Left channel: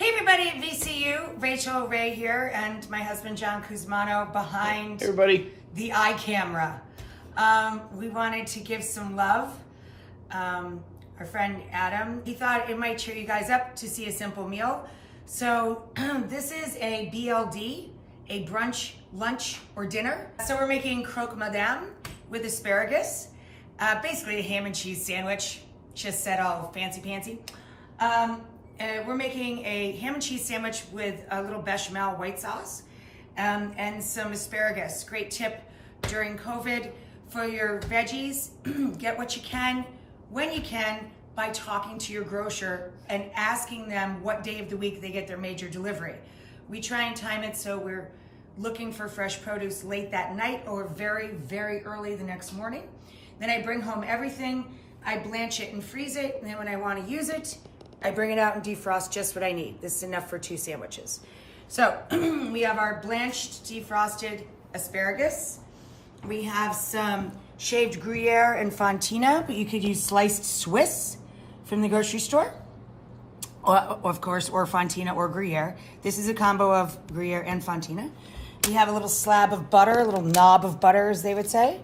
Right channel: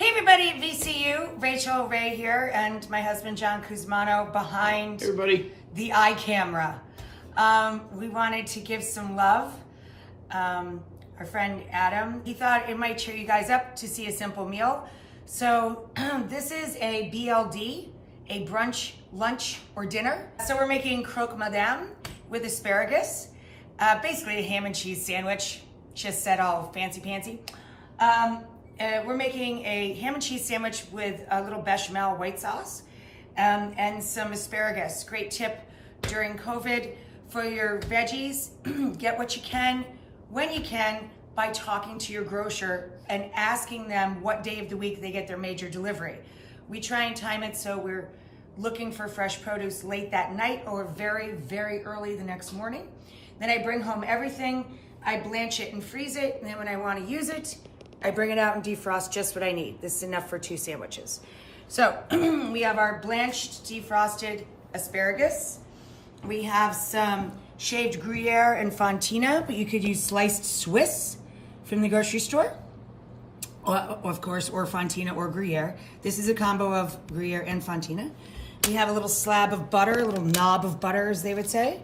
Hey everybody at VCU, Rachael Ray here, and my husband John Kuzmano behind Everybody. the eye camera. We wanted to give some love. Our friend Adam, he thought it might cheer you guys up to see a simple meal. So this is a BLD, a brunch, lunch, or dinner. So we're making croque madame with asparagus. Basically a ham and cheese sandwich, just said all fancy-pantsy. We're making a ham and cheese sandwich with a little bechamel white sauce and some asparagus. Great tip during COVID for your veggies. Get what you can, when you can, by talking to your grocer and asking them what day of the week they get their major delivery. We try and time it so we're looking for fresh produce late that night or very, very early the next morning. Then I bring home everything, I blanch it and freeze it, and then when I want to use it, I bring it out and defrost just what I need. This is enough for 2 sandwiches. So we have our blanched, defrosted asparagus. We have some shaved Gruyere and Fontina, but you could use sliced Swiss from the grocery store. Or, of course, or Fontina or Gruyere. This is a combo of Gruyere and Fontina. We have a little slab of butter, a little knob of butter, as they would say.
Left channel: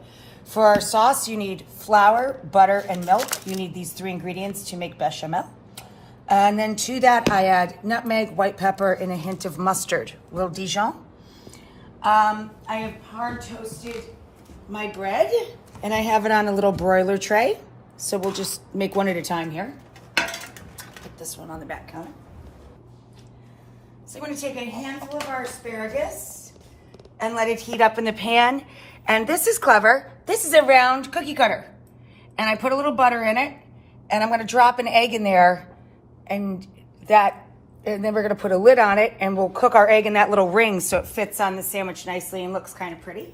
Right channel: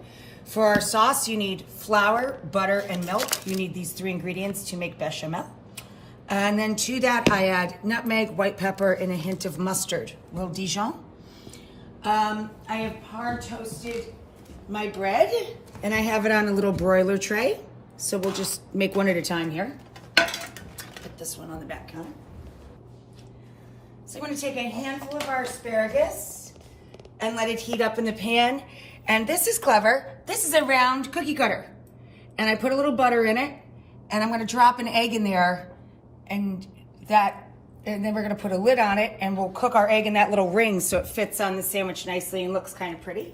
For our sauce, you need flour, butter, and milk. You need these 3 ingredients to make bechamel. And then to that, I add nutmeg, white pepper, and a hint of mustard, a little Dijon. I have hard toasted my bread, and I have it on a little broiler tray. So we'll just make one at a time here. Put this one on the back counter. So I'm gonna take a handful of our asparagus and let it heat up in the pan. And this is clever. This is a round cookie cutter. And I put a little butter in it, and I'm gonna drop an egg in there, and then we're gonna put a lid on it, and we'll cook our egg in that little ring so it fits on the sandwich nicely and looks kind of pretty.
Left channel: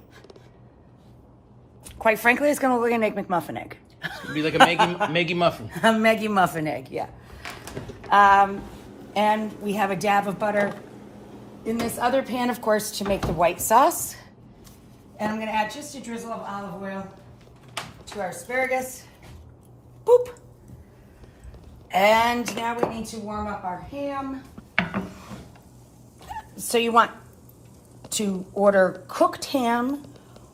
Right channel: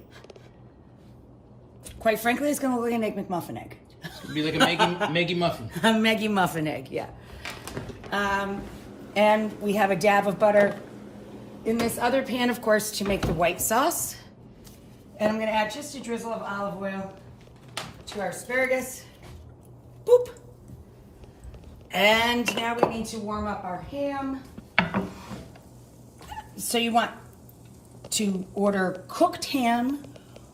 Quite frankly, it's gonna look like an Egg McMuffin egg. It'd be like a Maggie muffin. A Maggie muffin egg, yeah. And we have a dab of butter in this other pan, of course, to make the white sauce. And I'm gonna add just a drizzle of olive oil to our asparagus. Boop. And now we need to warm up our ham. So you want to order cooked ham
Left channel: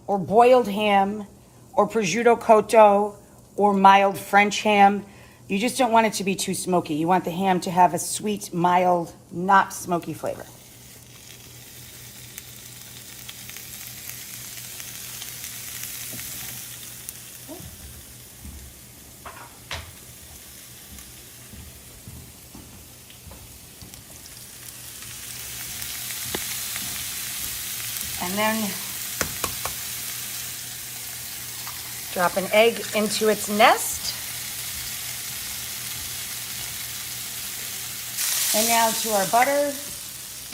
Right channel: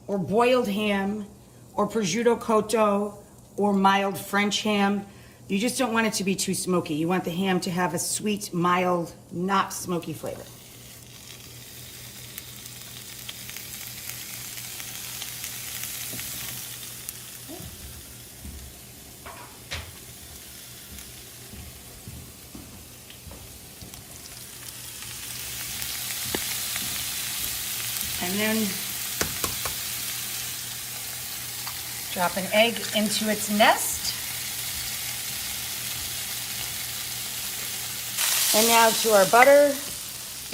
or boiled ham or prosciutto cotto or mild French ham. You just don't want it to be too smoky. You want the ham to have a sweet, mild, not smoky flavor. And then drop an egg into its nest. And now to our butter,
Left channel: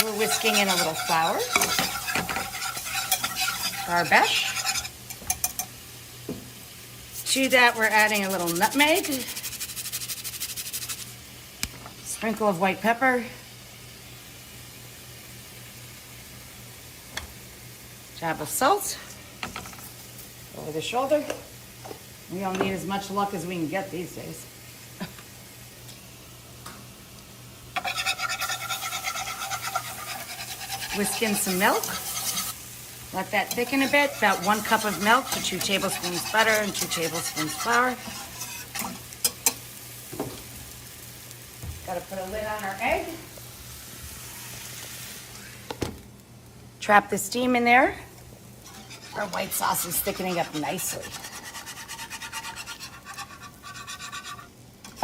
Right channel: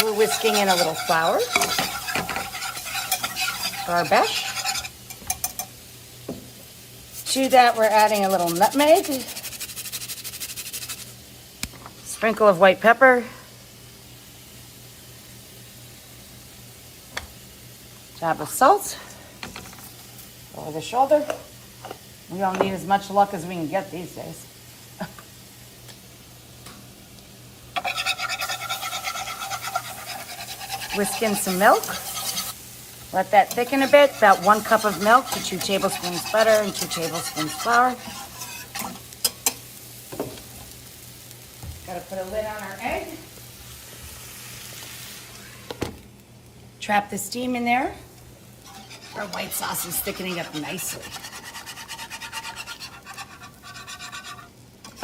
we're whisking in a little flour. Our besh. To that, we're adding a little nutmeg. Sprinkle of white pepper. Dab of salt over the shoulder. We don't need as much luck as we can get these days. Whisk in some milk. Let that thicken a bit. About 1 cup of milk to 2 tablespoons butter and 2 tablespoons flour. Got to put a lid on our egg. Trap the steam in there. Our white sauce is thickening up nicely.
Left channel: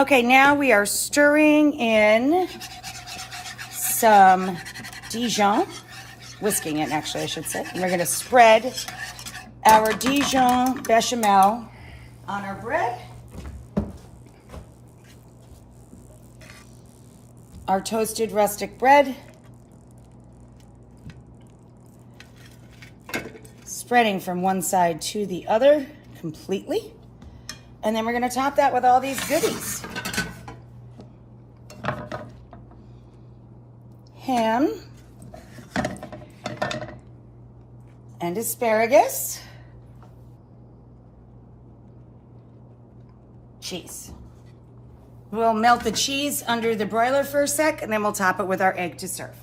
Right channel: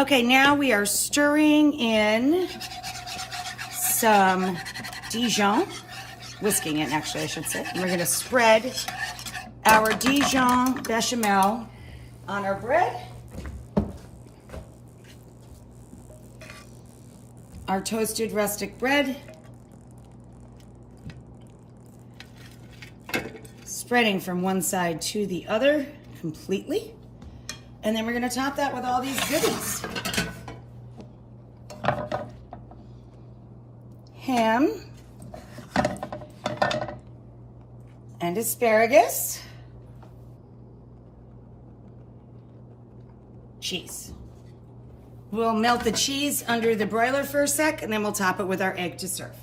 Okay, now we are stirring in some Dijon, whisking it actually, I should say. And we're gonna spread our Dijon bechamel on our bread. Our toasted rustic bread. Spreading from one side to the other completely. And then we're gonna top that with all these goodies. Ham and asparagus, cheese. We'll melt the cheese under the broiler for a sec, and then we'll top it with our egg to serve.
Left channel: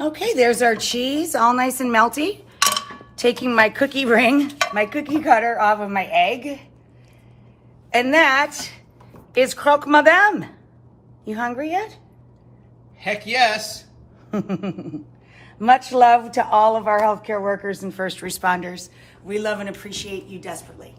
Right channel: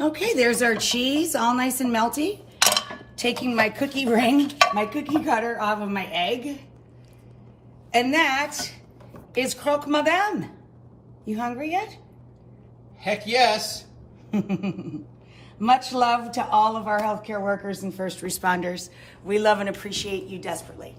Okay, there's our cheese, all nice and melty. Taking my cookie ring, my cookie cutter off of my egg. And that is croque madame. You hungry yet? Heck yes. Much love to all of our healthcare workers and first responders. We love and appreciate you desperately.